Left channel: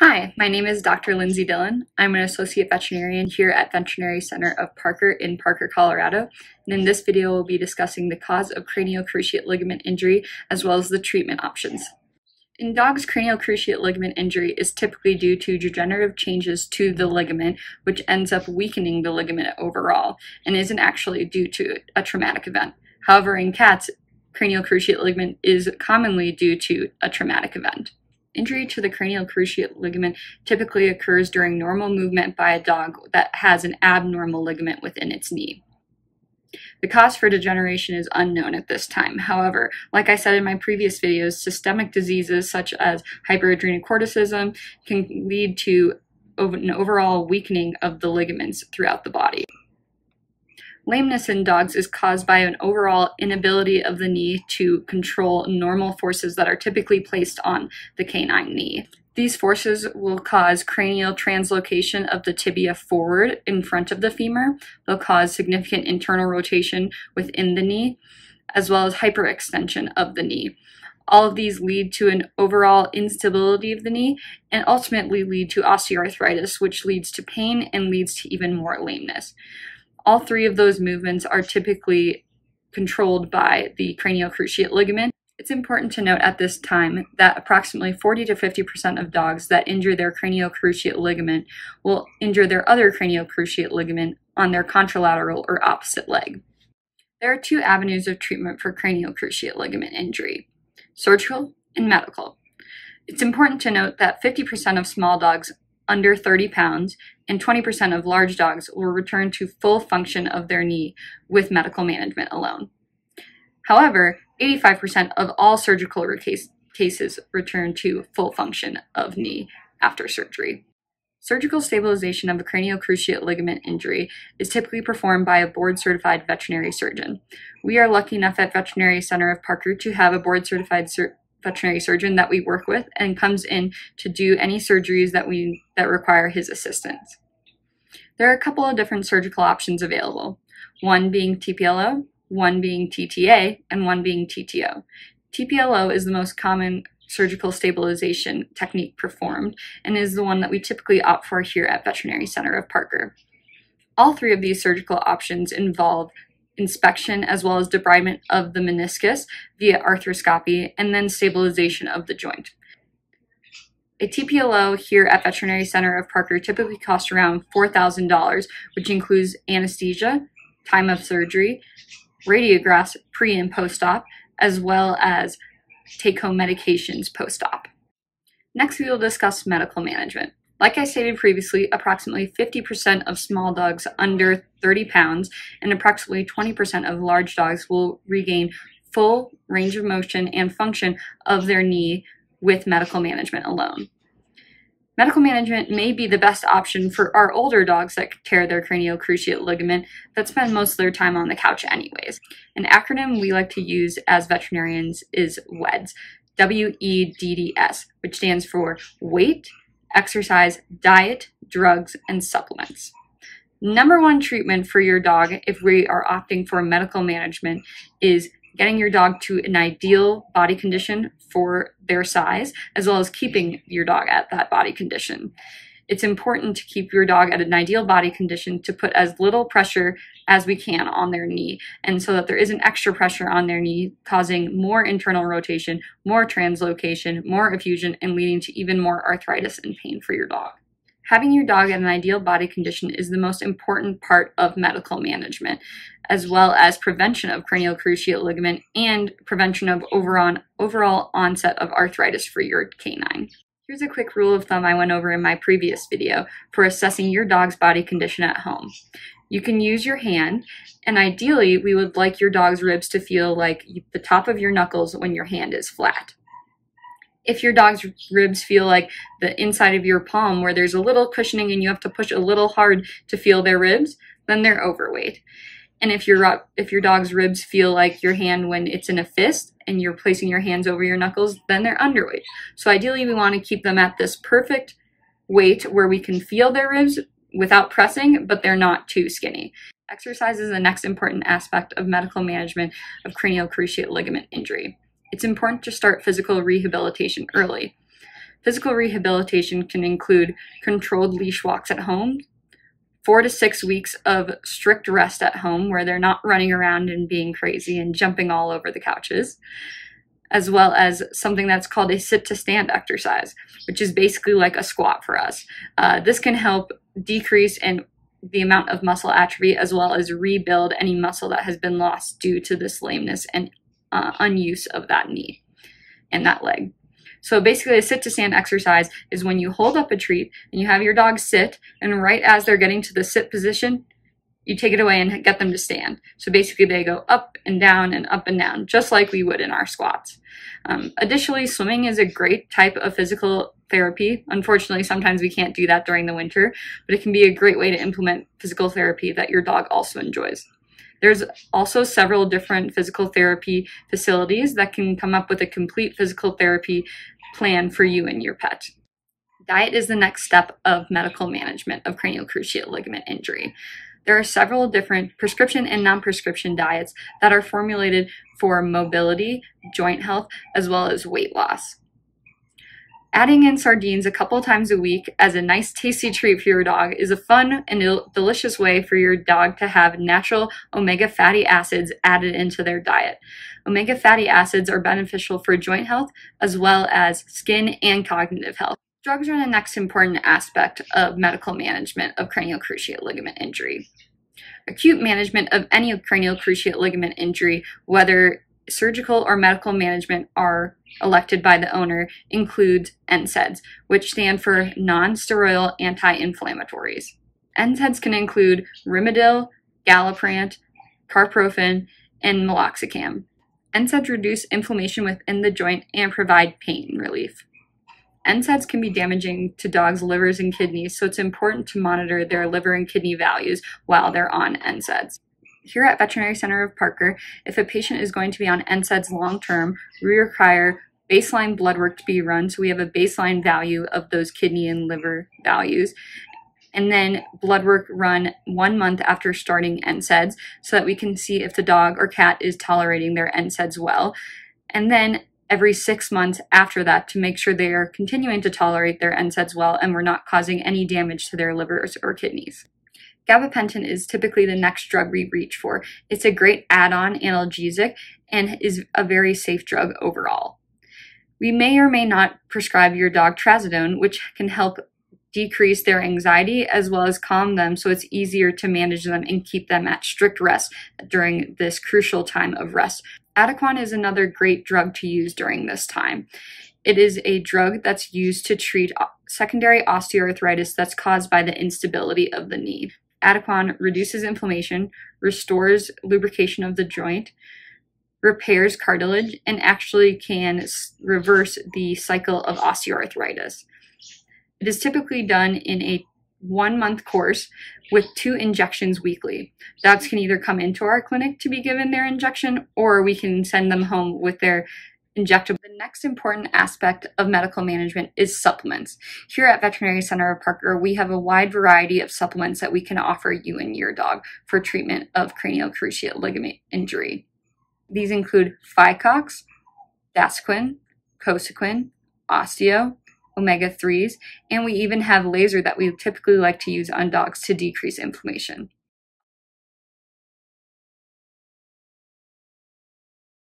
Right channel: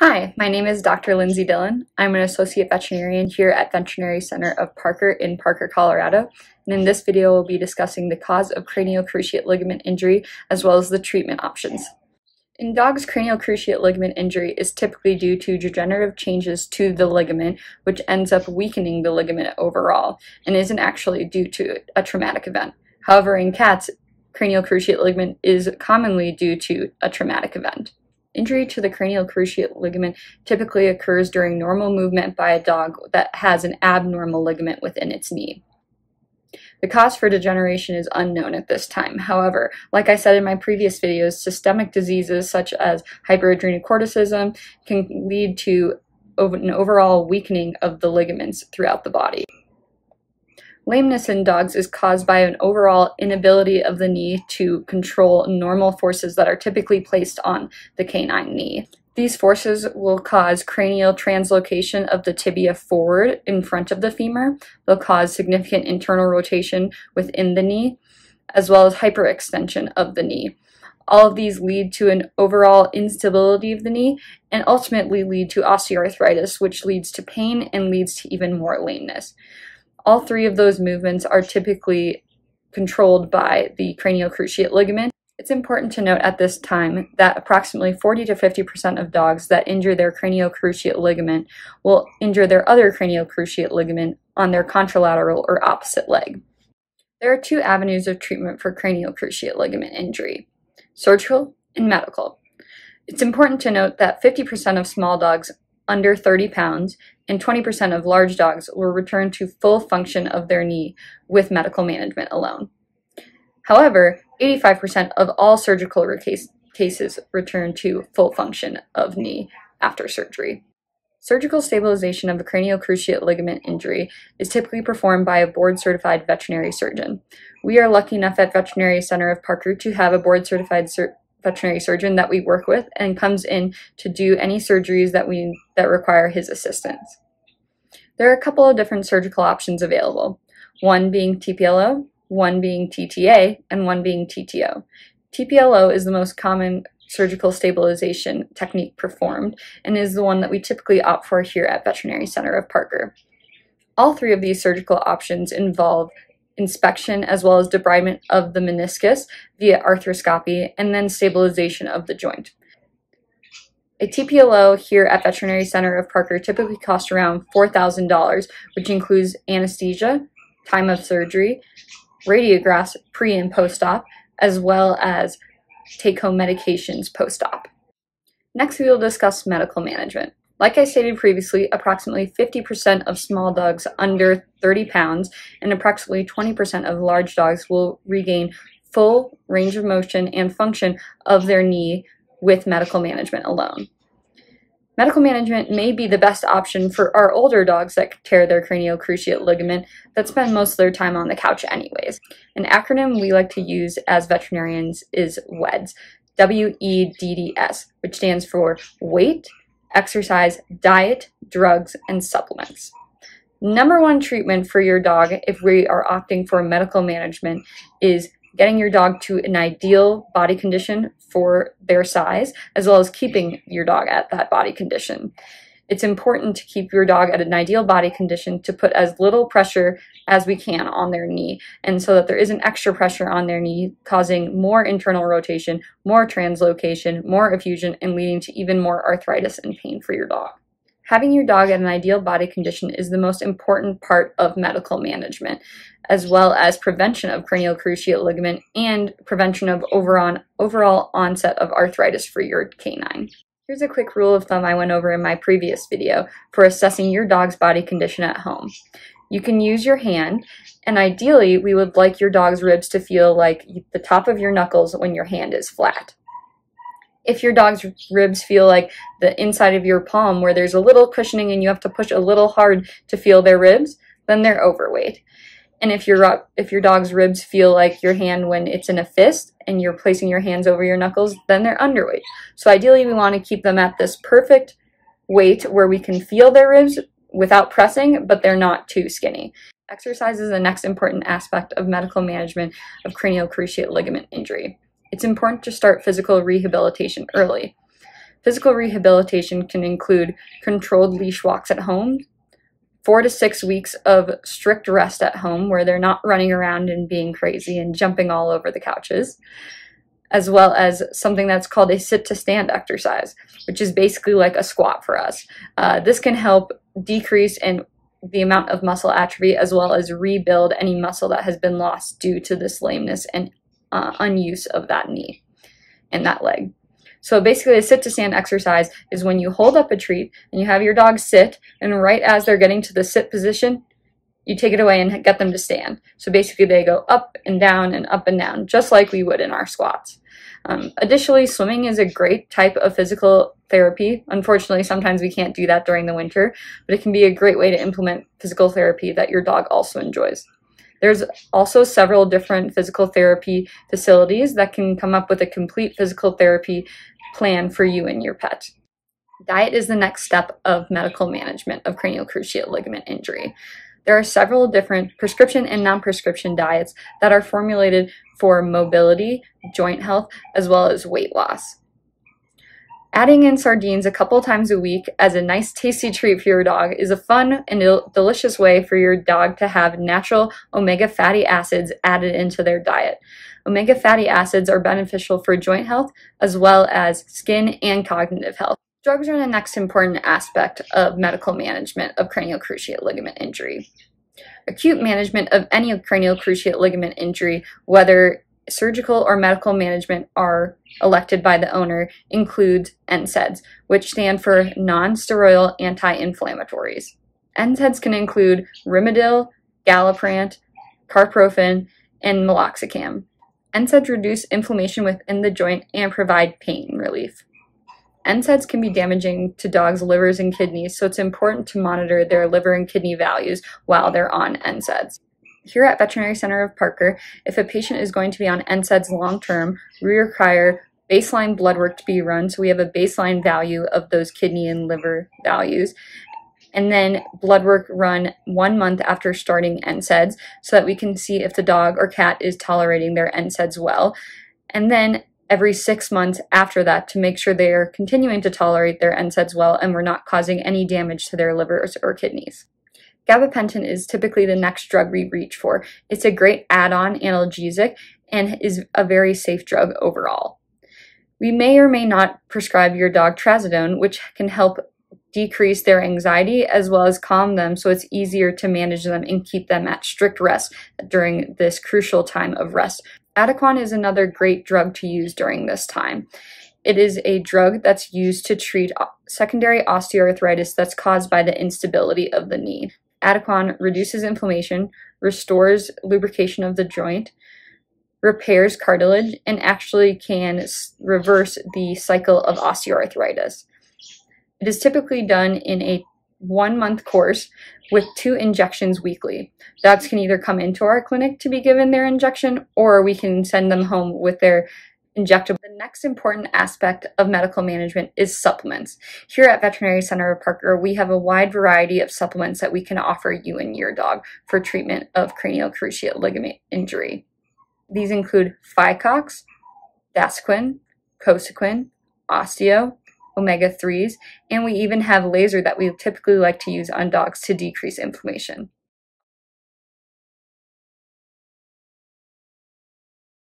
Hi, my name is Dr. Lindsay Dillon. I'm an associate veterinarian here at Veterinary Center of Parker in Parker, Colorado. And in this video, we'll be discussing the cause of cranial cruciate ligament injury as well as the treatment options. In dogs, cranial cruciate ligament injury is typically due to degenerative changes to the ligament, which ends up weakening the ligament overall and isn't actually due to a traumatic event. However, in cats, cranial cruciate ligament is commonly due to a traumatic event. Injury to the cranial cruciate ligament typically occurs during normal movement by a dog that has an abnormal ligament within its knee. The cause for degeneration is unknown at this time. However, like I said in my previous videos, systemic diseases such as hyperadrenocorticism can lead to an overall weakening of the ligaments throughout the body. Lameness in dogs is caused by an overall inability of the knee to control normal forces that are typically placed on the canine knee. These forces will cause cranial translocation of the tibia forward in front of the femur. They'll cause significant internal rotation within the knee, as well as hyperextension of the knee. All of these lead to an overall instability of the knee and ultimately lead to osteoarthritis, which leads to pain and leads to even more lameness. All three of those movements are typically controlled by the cranial cruciate ligament. It's important to note at this time that approximately 40 to 50% of dogs that injure their cranial cruciate ligament will injure their other cranial cruciate ligament on their contralateral or opposite leg. There are two avenues of treatment for cranial cruciate ligament injury: surgical and medical. It's important to note that 50% of small dogs under 30 pounds and 20% of large dogs will return to full function of their knee with medical management alone. However, 85% of all surgical cases return to full function of knee after surgery. Surgical stabilization of a cranial cruciate ligament injury is typically performed by a board-certified veterinary surgeon. We are lucky enough at Veterinary Center of Parker to have a board-certified veterinary surgeon that we work with and comes in to do any surgeries that require his assistance. There are a couple of different surgical options available, one being TPLO, one being TTA, and one being TTO. TPLO is the most common surgical stabilization technique performed and is the one that we typically opt for here at Veterinary Center of Parker. All three of these surgical options involve inspection as well as debridement of the meniscus via arthroscopy and then stabilization of the joint. A TPLO here at Veterinary Center of Parker typically costs around $4,000, which includes anesthesia, time of surgery, radiographs pre and post-op, as well as take-home medications post-op. Next, we will discuss medical management. Like I stated previously, approximately 50% of small dogs under 30 pounds and approximately 20% of large dogs will regain full range of motion and function of their knee with medical management alone. Medical management may be the best option for our older dogs that tear their cranial cruciate ligament that spend most of their time on the couch anyways. An acronym we like to use as veterinarians is WEDS, W-E-D-D-S, which stands for weight, exercise, diet, drugs, and supplements. Number one treatment for your dog, if we are opting for medical management, is getting your dog to an ideal body condition for their size, as well as keeping your dog at that body condition. It's important to keep your dog at an ideal body condition to put as little pressure as we can on their knee, and so that there isn't extra pressure on their knee, causing more internal rotation, more translocation, more effusion, and leading to even more arthritis and pain for your dog. Having your dog at an ideal body condition is the most important part of medical management, as well as prevention of cranial cruciate ligament and prevention of overall onset of arthritis for your canine. Here's a quick rule of thumb I went over in my previous video for assessing your dog's body condition at home. You can use your hand, and ideally we would like your dog's ribs to feel like the top of your knuckles when your hand is flat. If your dog's ribs feel like the inside of your palm where there's a little cushioning and you have to push a little hard to feel their ribs, then they're overweight. And if your dog's ribs feel like your hand when it's in a fist and you're placing your hands over your knuckles, then they're underweight. So ideally we want to keep them at this perfect weight where we can feel their ribs without pressing, but they're not too skinny. Exercise is the next important aspect of medical management of cranial cruciate ligament injury. It's important to start physical rehabilitation early. Physical rehabilitation can include controlled leash walks at home, 4 to 6 weeks of strict rest at home where they're not running around and being crazy and jumping all over the couches, as well as something that's called a sit-to-stand exercise, which is basically like a squat for us. This can help decrease the amount of muscle atrophy as well as rebuild any muscle that has been lost due to this lameness and unuse of that knee and that leg. So basically a sit-to-stand exercise is when you hold up a treat and you have your dog sit, and right as they're getting to the sit position, you take it away and get them to stand. So basically they go up and down, just like we would in our squats. Additionally, swimming is a great type of physical therapy. Unfortunately, sometimes we can't do that during the winter, but it can be a great way to implement physical therapy that your dog also enjoys. There's also several different physical therapy facilities that can come up with a complete physical therapy plan for you and your pet. Diet is the next step of medical management of cranial cruciate ligament injury. There are several different prescription and non-prescription diets that are formulated for mobility, joint health, as well as weight loss. Adding in sardines a couple times a week as a nice tasty treat for your dog is a fun and delicious way for your dog to have natural omega fatty acids added into their diet. Omega fatty acids are beneficial for joint health as well as skin and cognitive health. Drugs are the next important aspect of medical management of cranial cruciate ligament injury. Acute management of any cranial cruciate ligament injury, whether surgical or medical management are elected by the owner, includes NSAIDs, which stand for non-steroidal anti-inflammatories. NSAIDs can include Rimadyl, Galliprant, Carprofen, and Meloxicam. NSAIDs reduce inflammation within the joint and provide pain relief. NSAIDs can be damaging to dogs' livers and kidneys, so it's important to monitor their liver and kidney values while they're on NSAIDs. Here at Veterinary Center of Parker, if a patient is going to be on NSAIDs long-term, we require baseline blood work to be run, so we have a baseline value of those kidney and liver values, and then blood work run 1 month after starting NSAIDs so that we can see if the dog or cat is tolerating their NSAIDs well, and then every 6 months after that to make sure they are continuing to tolerate their NSAIDs well and we're not causing any damage to their livers or kidneys. Gabapentin is typically the next drug we reach for. It's a great add-on analgesic and is a very safe drug overall. We may or may not prescribe your dog trazodone, which can help decrease their anxiety as well as calm them so it's easier to manage them and keep them at strict rest during this crucial time of rest. Adequan is another great drug to use during this time. It is a drug that's used to treat secondary osteoarthritis that's caused by the instability of the knee. Adequan reduces inflammation, restores lubrication of the joint, repairs cartilage, and actually can reverse the cycle of osteoarthritis. It is typically done in a 1-month course with 2 injections weekly. Dogs can either come into our clinic to be given their injection, or we can send them home with their injectable. The next important aspect of medical management is supplements. Here at Veterinary Center of Parker, we have a wide variety of supplements that we can offer you and your dog for treatment of cranial cruciate ligament injury. These include Phycox, Dasquin, Cosequin, Osteo, omega-3s, and we even have laser that we typically like to use on dogs to decrease inflammation.